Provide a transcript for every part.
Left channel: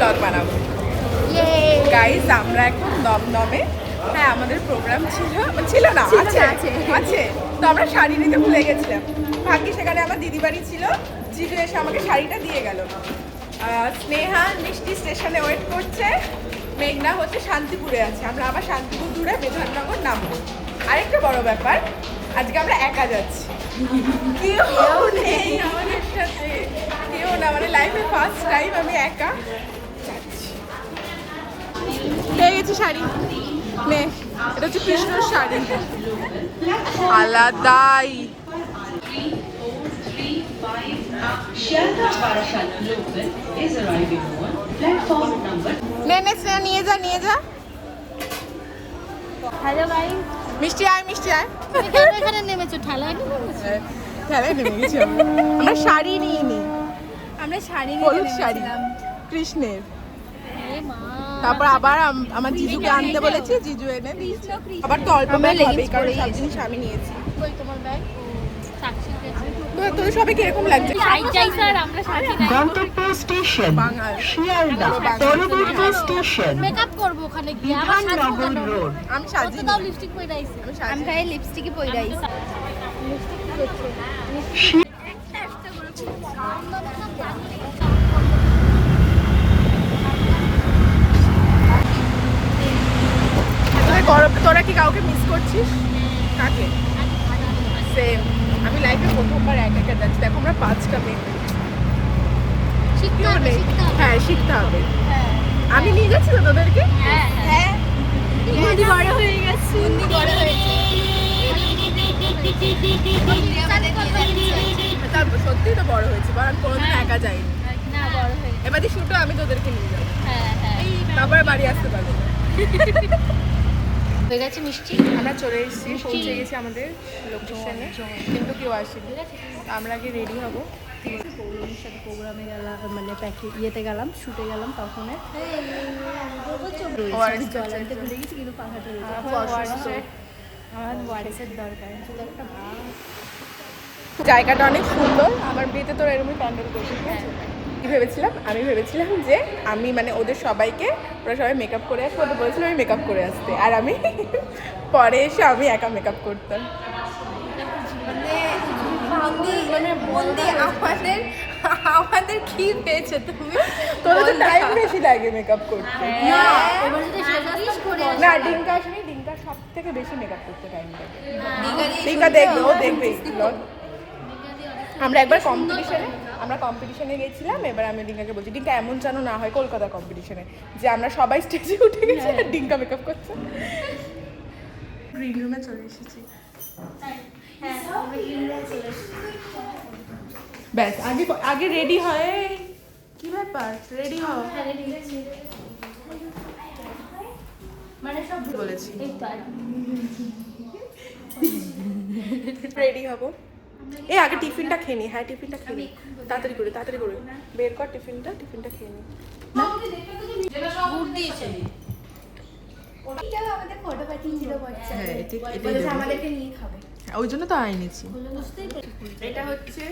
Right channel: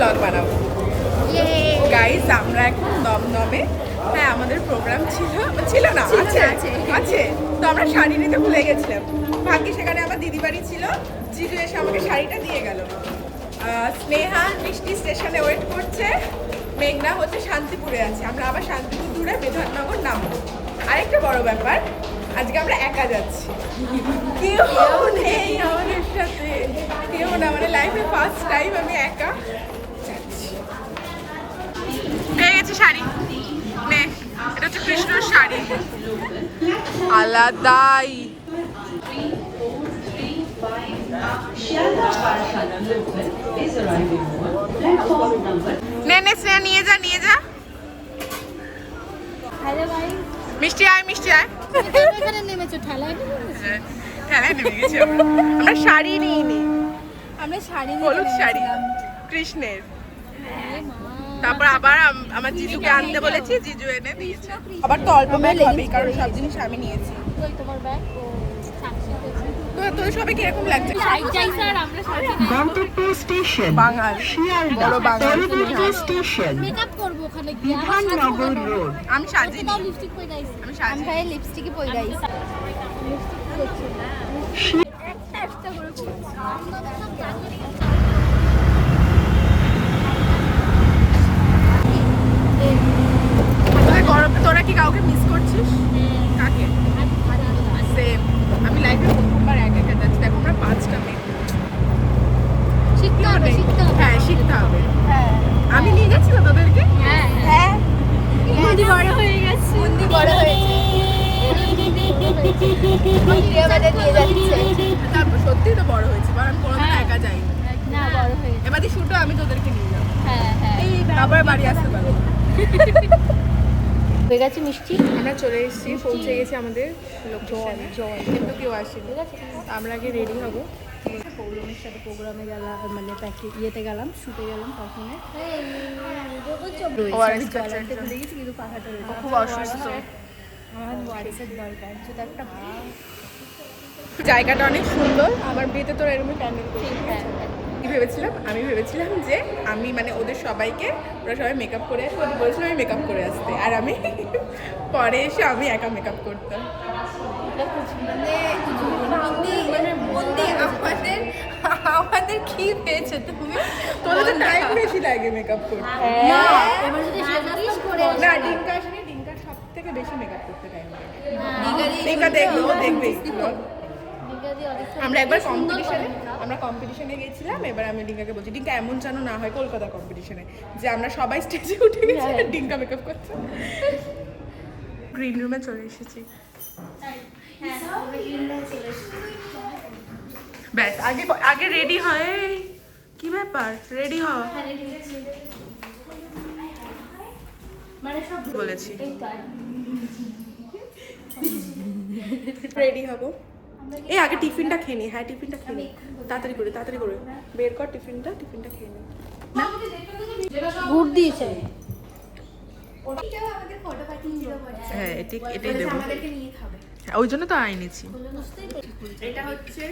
Blog বানাবো। Guys আমরা এখন দমদমে, হ্যাঁ আমাদের প্রোগ্রাম ছিল না, আছে তো আমরা শাড়ি নিতে ভুলে গেছিলাম। ভাগ্যি সেখানে আমার দিদি বাড়ি ছিল, জিজু এসে আমাকে শাড়িটা দিয়ে গেল। স্নেহা মিষ্টি স্টেশনে ওয়েট করছে, মেঘনা হচ্ছে শান্তিপুরে আছে, আমরা আবার শান্তিপুর দূরে বিধাননগর নামবো। আরেকটা বড় ব্যাপার, আজকে আমরা একা যাচ্ছি, কেউ নেই আমাদের সাথে, কেউ না, মানে লাইফে ফার্স্ট টাইম আমি একা যাচ্ছি। পেয়ে গেছি শাড়ি, নে এটা হচ্ছে কৃষ্ণর শাড়ি, আলাদাই। নে নে স্নেহা নিয়ে যা, নিয়ে যা। হ্যালো ভাই, মিষ্টি আয়, মিষ্টি আয়। এখানে নেমেছো? ঠেলায় নেমেছো? ঠেলায় নেমে গেছি আমরা শাড়ি নিয়ে নি, আমরা শাড়ি হলুদ নিয়ে শাড়ি নেমেছিলাম। কৃষ্ণের। হে মা, তারপর আবার আমার জিজুকে আনতে বলেছি, জিজু এনে দিয়েছে। আবার তো অল্প ব্যাগ হবে কারণ সব জিনিস আমি নিয়েছি। কই তোমার ব্যাগ? ও সাকসেস গেছে। তো তোর সবে কিরকম লাগছে? লাইট চাই স্যার, আমরা শাড়ি নাই। গন্তব্য স্টেশন বাঙাল, শিয়ালদা, পরবর্তী স্টেশন মেকআপ করব ওখানে গিয়ে, আমার বিধাননগর রোড। আমি সাজি, দাও লিপস্টিক পরে আইছি। আমি সাজি। আমি খালি লিপস্টিকই পরে আইছি। তোরা কি কাউকে মিস করছিস? কাকে? সেম, আমি লাইফে প্রথমবার একা একা যাচ্ছি। দেখো আমরা 5টা মেয়ে, শিখতে হবে, শিখতে হবে। হ্যাঁ শিখতে হবে। আমি নিয়ে যাচ্ছি তো তোদেরকে। হ্যাঁ হ্যাঁ, বুদ্ধি বড় হয়ে গেছে, বুদ্ধি বড় হয়েছে। তারপর সত্যিই তো বড় হয়েছে, কারণ আমি কোনোদিন একা যাইনি। না বড় হয়েছে। এবার শুটও আমি তোদেরকে নিয়ে যাবো, হ্যাঁ হ্যাঁ, তারপরে বাড়ি আসতে পারবো না। হয়ে গেছে মিষ্টি। আমরা চলে এসেছি, পৌঁছে গেছি আমাদের লোকেশনে, কিন্তু কেউ আসেনি। আমরা আগে রেডি হবো। প্রোগ্রামে গেলাম, মানে প্র্যাকটিস ইয়েতে গেলাম, শুটে গেলাম, তখন আমার ওয়ারেসের দরকার। জায়গাটা অনেক সুন্দর, আমার বিয়েতে তো এরকমই প্যান্ডেল করছি, ঠিক আছে। কি ভেবেছিলাম, আমি ভেবেছিলাম যে আমি মানে ওদের সবাইকে, ওরা সবাই মেকআপ করে আসবে, ওদের বলেছিলাম আমি মেকআপ করে আসতে, আর আমি পরে এসে আমি একা মেকআপ করতাম। মানে আমাদের কি পেয়েছে তুমি? তোদের টাইম বেশি লাগে মেকআপ করতে। না, এবার যদি সাজিস করে না, ডিঙ্কা আসলে ডিঙ্কা সব থেকে বেশি মেকআপ করতে টাইম লাগে। ডিঙ্কা দেখবে, ও দেখবে vlog। আমরা একবার কম্পিটিশনে গেছিলাম, এবার আমি ডিঙ্কাকে বলছি ডিঙ্কা এমন যেন না হয় কলকাতা কম্পিটিশনে যে আমরা সবাই স্টেজে উঠে গেছি আর ডিঙ্কা মেকআপ করছে। গ্রিন রুমে চলে এসেছি। ব্যাস আগে আগে রেডি হয়, কি ব্যাপার রেডি হও বলেছি, রেডি হবো। এই আগে টিফিনটা খেয়ে নি, হ্যাঁ টিফিনটা খেয়ে নি, তাড়াতাড়ি করে বের কর টিফিনটা খেয়ে নি। গুড দিয়েছে। হ্যাঁ এটাই দেবো, আমাদেরকে নিয়ে খাবে। হ্যাঁ, ওই জন্য তো আইনেছি। এটা হচ্ছে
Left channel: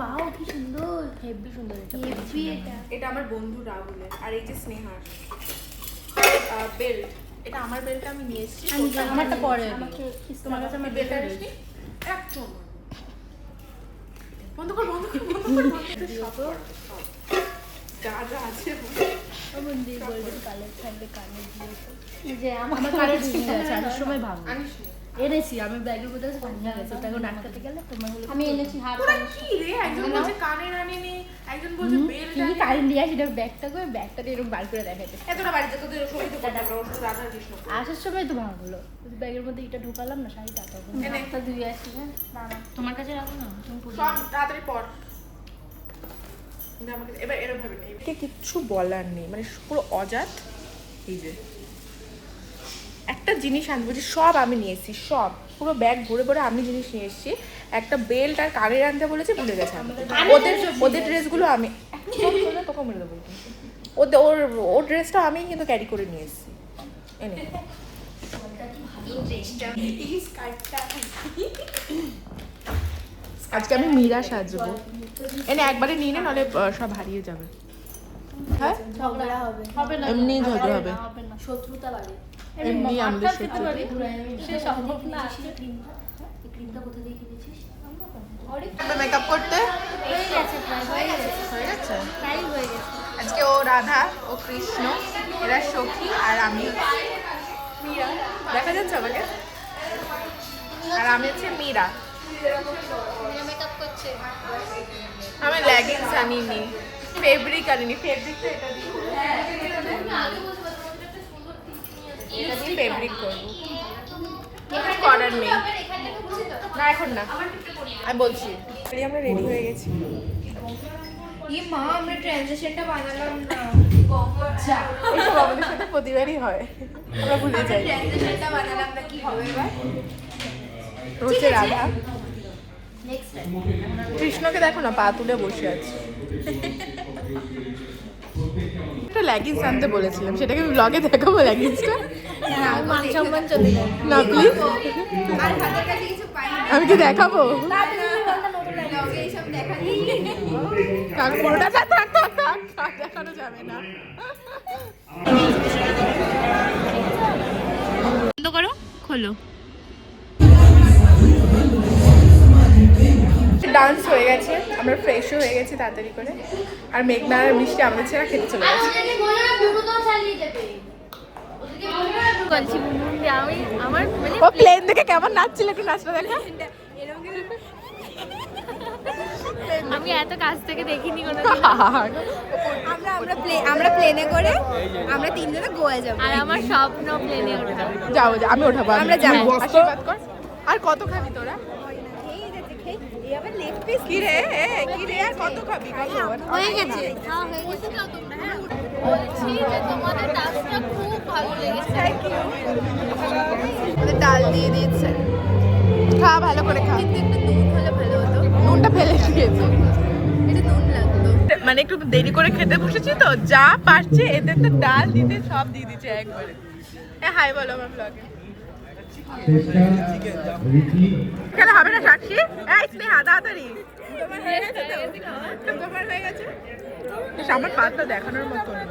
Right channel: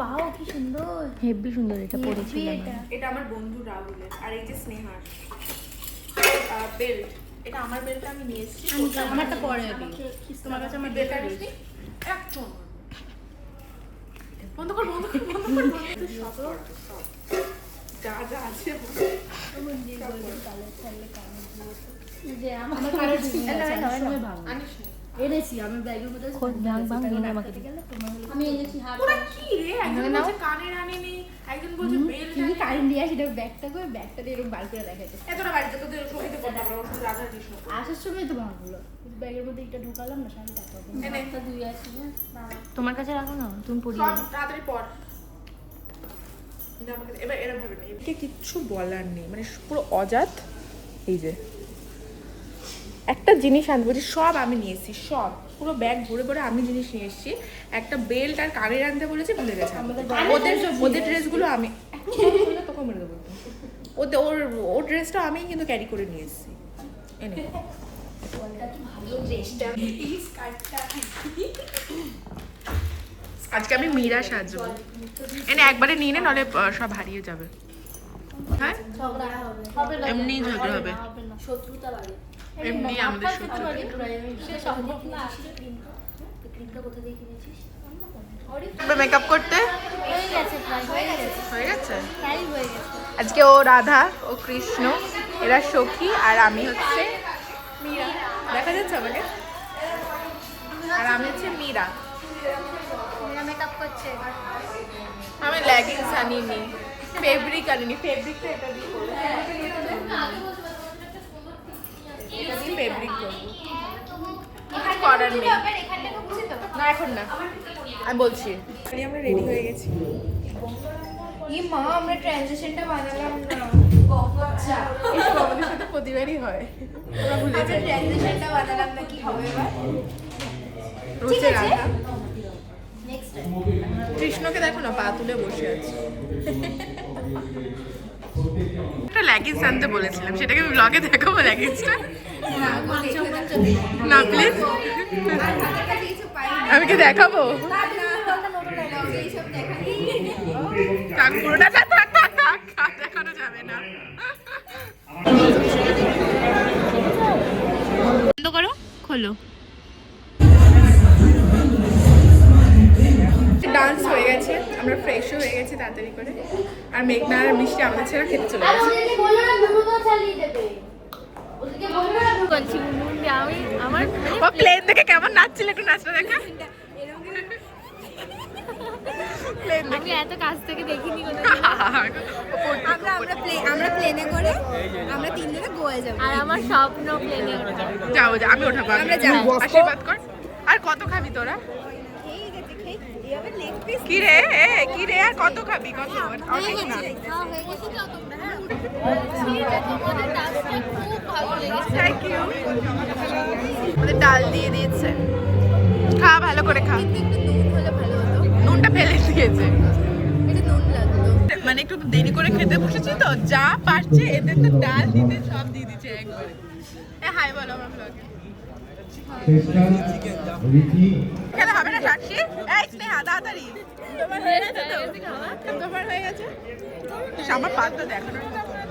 বাহ, কি সুন্দর, হেভি সুন্দর। এটা পরেছিলাম এটা আমার বন্ধু রাহুলের, আর এই যে স্নেহার বেল্ট, এটা আমার বেল্টটা আমি নিয়েছি, আমারটা পরে আমি বেল্টটা নিয়েছি একদম। বন্ধ কর সব পড়াবো, সব যা আছে যে আমাকে অনেক সময় ভালো এনেছি, আমি ব্যাগের মধ্যে আমি এনেছি হাত। ওরা কি রে, একজন বলছে কানের আনিনি, একজন বলছে বেল্ট আনি, কারেন্ট দিয়ে আসি, ব্যাগটা করে ব্যাগটা দিয়ে এরকম বার করে দেখাইতে। এতটা বাড়িতে তোদের সঙ্গীতে করতে পারবো, ওর সাথে রাধা কৃষ্ণ আসার সময় তো ভালো, ব্যাগের মধ্যে এটা ঢুকালাম না, শাড়িটা এনে একটা ধুয়ে আসি। হ্যাঁ তোমার কাছে রাখো না, তুমি সব তাড়াতাড়ি পর। আমাকে এবার এরকম ভাবে নেই, কিচ্ছু বলার নেই, মানে পুরো অজাত। এই যে একটা জিনিস আনতে বলছি, সব আমি নিয়ে এসেছি, সব পুরো ব্যাগ ভরে ভরে আমি জিনিস নিয়ে এসেছি। একটা বেল্ট আর কানের আনতে বলেছে, ভুলে গেছে। ওদের ড্রেসগুলো আমি তোকে মেরে দেবো, ওর ড্রেসটা আমি কিন্তু ক্যারি করে নিয়ে এসেছি। এনে আজকে আমি মীরা সাজবো, এনে একবারে নিয়ে নে, নাহলে সব হারিয়ে যাবে। হ্যাঁ ঝগড়া হবে হবে না এমনিই ঝগড়া হবে। হবে না শত্রুতা লাগে এমনি আমাদের খেতে শত্রু। পারি সে সম্ভব না ক্রিমটা কোথা থেকে কিনেছিস মেকআপ করতে হয়ে গেছে প্রায় হয়ে গেছে হয়ে গেছে। প্রায় হয়ে গেছে আজকে ও রাধা, ও কৃষ্ণ, এরা সখী, আর আমি হচ্ছে মীরা। দেখা যাচ্ছে আমাকে? আর আমি হচ্ছে মীরা। মেকআপ করছে আমি লেগিংস আনিনি, ফেব্রিক আনিনি। ফেব্রিকটা এটা দিয়ে করবো, এটা দিয়ে ফেব্রিক করবো। কিছু করার নেই, না এখন না, আমি বলছি। আমরা রেডি হয়ে গেছি। আমরা ট্রানজিশনটা বানালাম না এইসব আমাদের সাথে প্রতিবারই হয়, আমরা ভুলে যাই। ট্রানজিশনটা বানালাম না কি হবে এবার রোজে রাধা। নেক্সট টাইম কৃষ্ণকে দেখো না, পা তুলে বসে আছে। একটা লেগিংস আনতে বলেছিলাম, সেটাকে আমি ব্লগে দেখাবো লেগিংসটা। মান সম্মান চলে যায় না প্লিজ, আর হাতের কাছে কিছু পাই না আমি কি দেখাবো? না নতুন লাগে এইসব দেখালি থাক, পুরোটা থাক থাক থাক থাক, আর দেখানো যাবে না। বন্ধ করো, খোলো। ডান্স হয়ে গেছে, আমরা ফ্রেশও হয়ে গেছি তাড়াতাড়ি করে। আর মেঘনা আর বৃষ্টি আমাদের ছেড়ে খেতে চলে গেছে। বলছি মুন্ডি আমি আমার মানে ও প্লেন দেখে কেমন নাচছিল, একটু নাচটা দেখা। আমি এত কাছ থেকে দেখিনি কোনো আমরা প্লেনে করে আমরা তিনজনে গোয়া যাবো। আর আমার স্বপ্ন প্লেনে ওঠা যাও যাও, আমি ওঠাবো। আমরা যাবো। আশীর্বাদ কর। আর কত খাবি তোরা? কি রে কি রে, আর কত খাবি? কত? হয়ে গেছে হয়ে গেছে বলছি যে তোমাদের ডান্সটা খুব ভালো লেগেছে থ্যাংক ইউ। আমাদের ডাল দিয়ে দিয়েছে, খা ভালো করে খা। কিন্তু একটু নুন হলে ভালো হতো, নুনটা ফেলে দিয়েছে। একটু নুন লাগতো। মানে একটু দেরি করে খেতে বসেছি তো, যা পারছে এদের তো ডাল দিতে সব দিয়ে দিচ্ছে একবারে। হাই বলো আমার ব্লগে। কেন হবে না সাক্ষী? এই স্নেহা তাড়াতাড়ি। তোমার হয়ে গেছে তো? তোমার হয়ে গেছে? আমার পাতটা দেখানোর মতো না।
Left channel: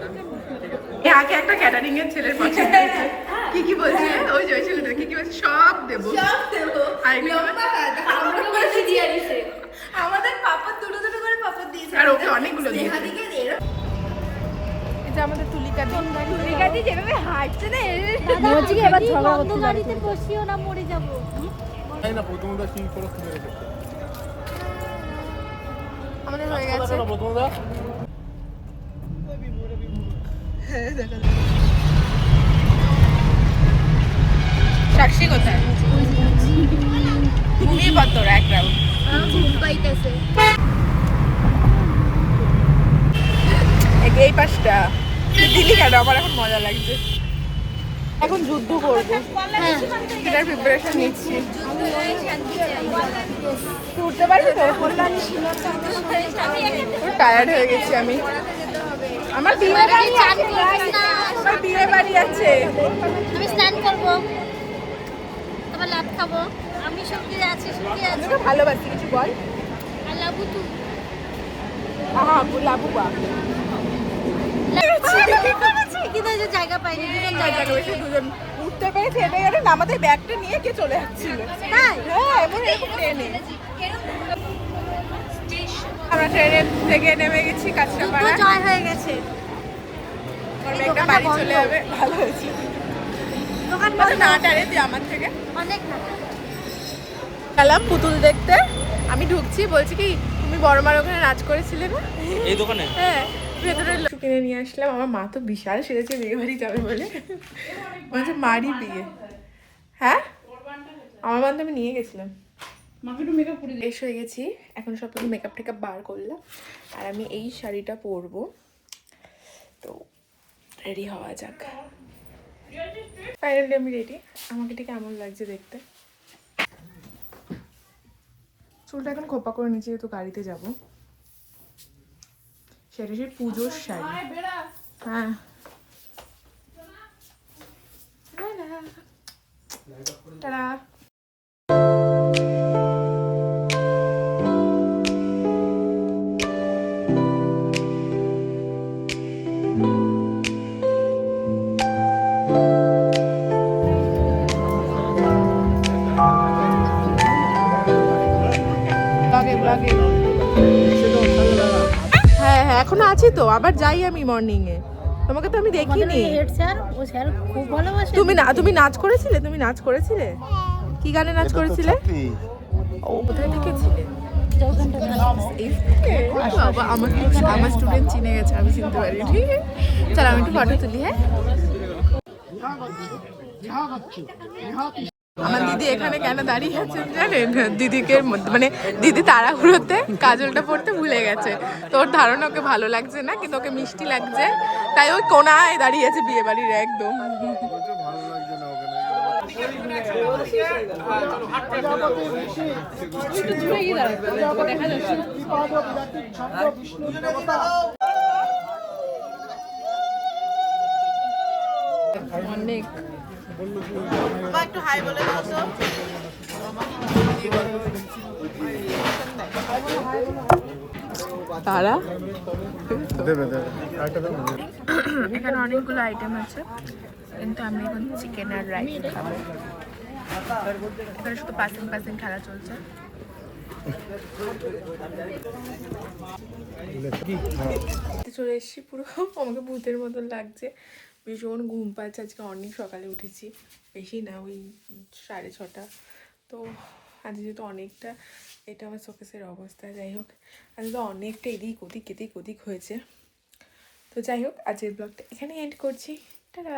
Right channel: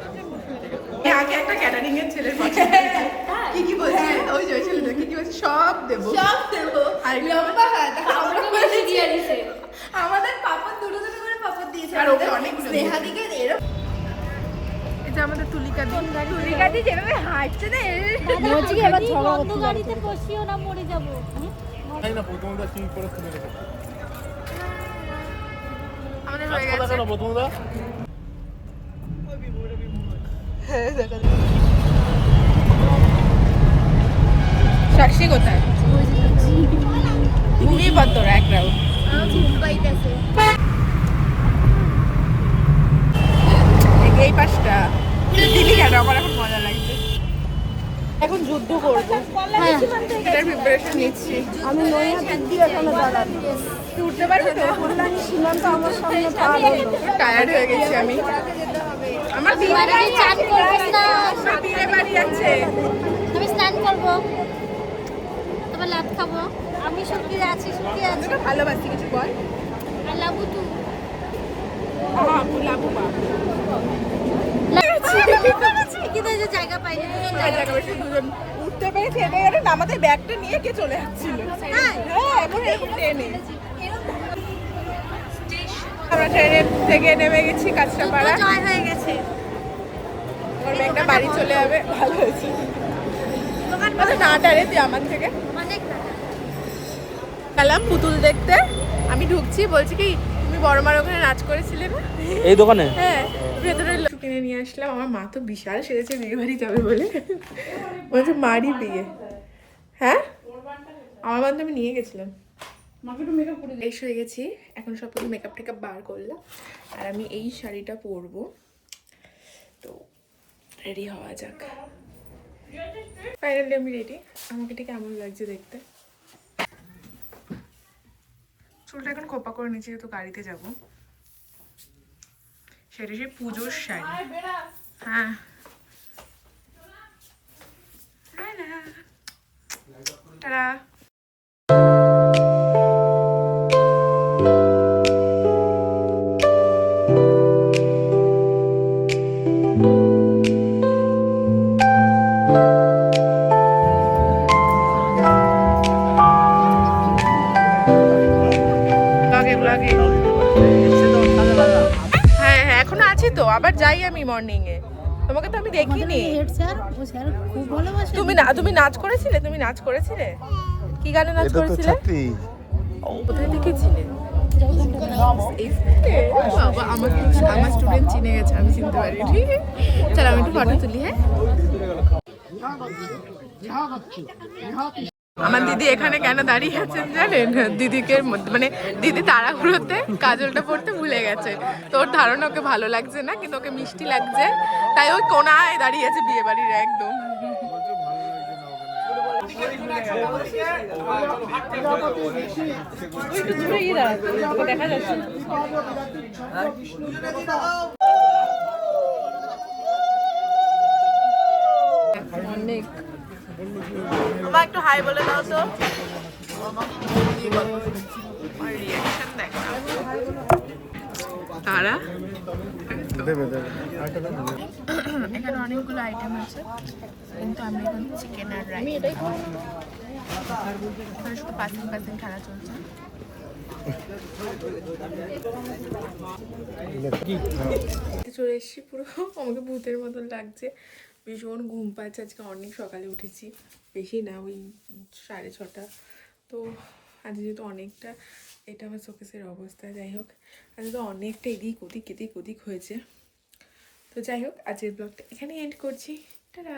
আগে একটা ক্যাটারিং এর ছেলের পছন্দ হয়েছে। কি কি বলছে? ওই যে ওই ছেলেটা কি কি বলছে? সব দেবো। সব দেবো। আর লম্বা হাত। আমাকে বেশি দিয়ে দিছে আমাদের পাপড় দুটো দুটো করে পাপড় দিয়েছে। আর ওকে অনেকগুলো দিয়েছে। স্নেহাদিকে এরকম এটা আমাদের তুলিকা দি। গাড়ি যেভাবে হাঁটছে না বলছি এবার বন্ধ গাড়িতে বসিও না মরে যাব আমাদের হয়ে গেছে। সাক্ষী কোথায়? ঘুমিয়ে পড় তোরা এক রাউন্ড। ঘুম পাইতেছে। এই পাশটা দিলি কেন? আমার এখন মজা লাগছে। এখন যুদ্ধ করবো, সেটার প্রিপারেশন নিচ্ছি। উঠতে পারবি তো? টায়ার্ড হয়ে গেছি আমি। আমার বিয়ে বাড়ি আছে, আমার বিয়ে বাড়ি আছে। আমি স্নান করব তারপর লাভ খাবো আমি শুকিয়ে আছি আমি তো ভালোবাসি, কিছু বল। আর লাবু তু আহা লাবু বা কিন্তু এই যে জায়গা পাইনি জায়গা বেশি দুজন উঠতে পেরেছি, এটাই আর আমাদের ব্যাগটা নিয়ে কে চলে যাচ্ছিল। হ্যাঁ এমন এরকম ট্রেনে আমরা ট্রেনের থেকে নেমে গেছি কাঁচরাপাড়া। জয় হয়ে গেছে আমার মেয়েটা বাড়ি চলে যাবে, ভালো হয়েছে। দোকান আচ্ছা না টারে তুই আমার থেকে অনেক টাকা গেলাম পুতুল দেখতে। আমি ঢুকছি, বলছি কি তুমি বড় মার ওখানে নাচ করেছিলে না এই দোকানে? হ্যাঁ, ভেতরে কিনে নিয়ে আসলাম। আমার মা তো বিশাল সেরেছে বিয়ে বাড়ি যাবে বলে, বলছে মারই বিয়ে। হ্যাঁ আমার বান্ধব আমি নিয়ে গেছিলাম। ফ্রেশ হয়ে গেছি, এখন সব কিছু মেকআপ টেকআপ বার করলাম। আর আমি এই শাড়িটা পরবো, তো রেডি হওয়া যাক। ফাইনালি আমি রেডি। আমাকে ঠিক কেমন লাগছে দেখতে? চুলটা এখন খোপা করে নিচ্ছি, তো গাড়িতে যাবো। সেটা সেই পুজোর শাড়ি। হ্যাঁ টাটা। যাচ্ছি তো, আবার যাই আমি মর্নিং এ। তোমাকে তো আমি দেখিনি। হেড স্যার, ও স্যার খুব ভালোবাসে। তুমি নাচ করেছিলে? তুমি নাচ করেছিলে? কি গানে নাচ করেছিলে? ও কোথায় দেখেছিলে? বাবা আমার স্টুডেন্ট চিনে গেছে, আমি চিনতে পারিনি। চল আমি একটু ফটো তুলি। হ্যাঁ, আমার দিদি এখানে কেন দাঁড়িয়ে আছেন জানেন? দিদিকে মানে দিদি তাড়াহুড়োতে কাজলটা পড়তে ভুলে গেছে, তো ওর ধারণা ওকে ভালো লাগছে না, কিন্তু ওকে মিষ্টি লাগছে, তাই ওই কোনায় দাঁড়িয়ে আছে বিয়ে বাড়ির একদম। অনেক আমার একটু হাই বলে দাও তো। তারা এখানে অনেকগুলো আইটেম আছে, কিন্তু আমি এখন চিকেন আর রাইস খাবো। এখানে শুধু পাসিং খেলা চলছে। চলে এসেছি, পুরো আমাকে ভূতের মতন লাগছে, ভীষণ ঘুম পাচ্ছে। আজকে অনেক সকালে উঠেছি, বেশি না, ওই 6:30। তো আজ যেহেতু অনেকটা, এটা আমার শোকেসের অবস্থা। যাই হোক, আজ তো অনেকটা এদিক ওদিক হয়েছে। তো যাই হোক, আজকের ব্লগটা এখানে এন্ড করছি। টাটা।